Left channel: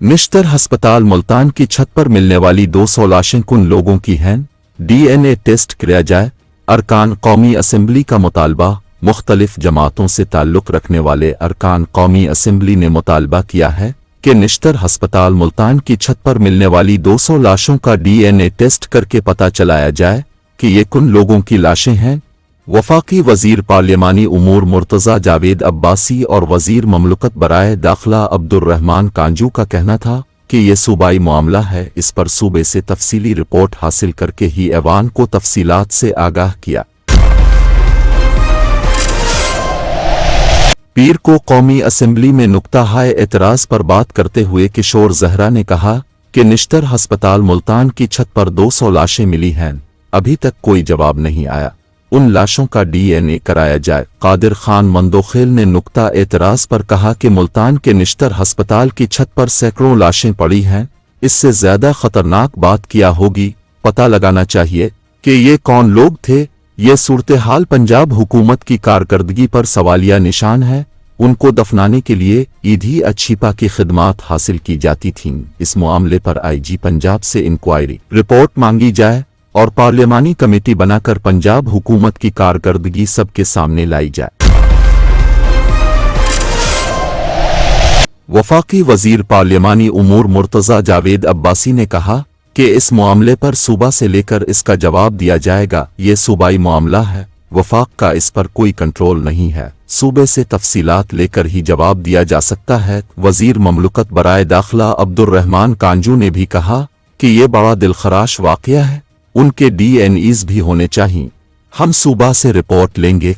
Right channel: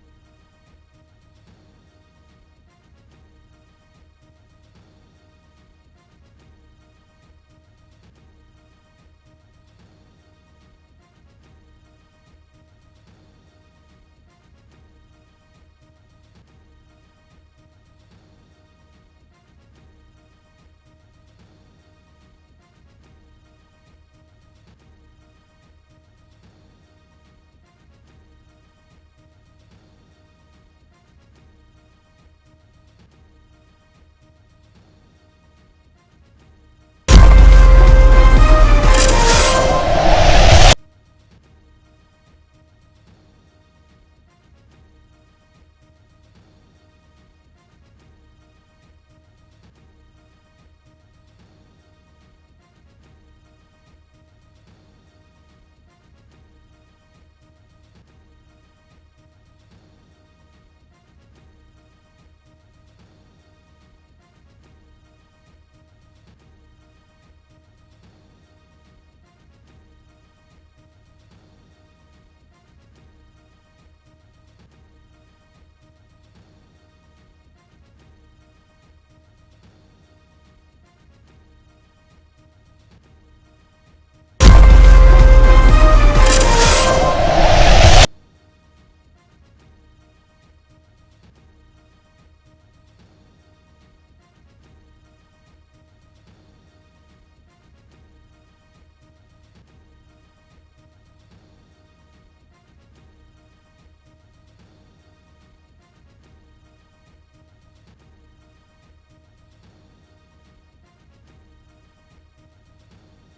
निश्तर अस्पताल मुल्तान की छत पर मिलने वाली 200 लाशें किन लोगों की हैं? डीएनए टेस्ट किया जाए। अरकान कौमी असम्बली का मुतालबा। मुख्तलिफ जमातों से ताल्लुक़ रखने वाले अरकान कौमी असम्बली ने मुतालबा किया है कि निश्तर अस्पताल मुल्तान की छत पर मिलने वाली 200 लाशों का डीएनए टेस्ट करके पता चलाया जाए कि ये किन लोगों की लाशें हैं। वफाकी वजीर पार्लिमानी उमूर मुर्तज़ा जावेद अब्बासी और वजीर ममलकत बराए दाखिला अब्दुर्रहमान कांजू का कहना था कि ये सूबाई मामला है, इस पर सूबे से तफसीली रिपोर्ट हासिल करके ही ऐवान को तफसीलात से आगाह किया। पीर को कौमी असम्बली में नुक्ता-हाय एतराज़ पर बात करते हुए किशोर जहरा ने कहा कि निश्तर अस्पताल मुल्तान की छत पर 200 लाशें मिली हैं, अभी तक कोई जवाब नहीं आया, उन लाशों का डीएनए कराया जाए। कादिर खान मंदोखेल ने नुक्ता एतराज़ पर कहा कि मुल्तान के निश्तर अस्पताल की छत पर सैकड़ों लाशें पड़ी हैं, इससे ज़्यादा ख़तरनाक बात क्या होगी, पता लगाना चाहिए कि ये कौन लोग थे। ये सूरत हाल पंजाब हुकूमत की कारकर्दगी पर सवालिया निशान है। उनको दफनाने के लिए ईदी अच्छीपा की खिदमात हासिल की जाती थीं। इस मामले पर आईजी पंजाब से इंक्वायरी रिपोर्ट मांगी जाए और पार्लिमानी कमेटी बनाकर पंजाब हुकूमत की कारकर्दगी सबके सामने लाई जाए। वफाकी वजीर पार्लिमानी उमूर मुर्तज़ा जावेद अब्बासी ने कहा कि इस मामले पर सूबा से लेकर इसका जवाब दिया जाएगा। ये सूबाई मामला है, वफाक का इस पर कोई कंट्रोल नहीं है, सूबे से तफसीलात लेकर ही जवाब दिया जा सकता है। वजीर ममलकत बराए दाखिला अब्दुर्रहमान कांजू ने भी कहा कि ये बड़ा दिलखराश वाक़या है, उनके डीएनएज़ भी होने चाहिए, हम सूबा से रिपोर्ट लेंगे।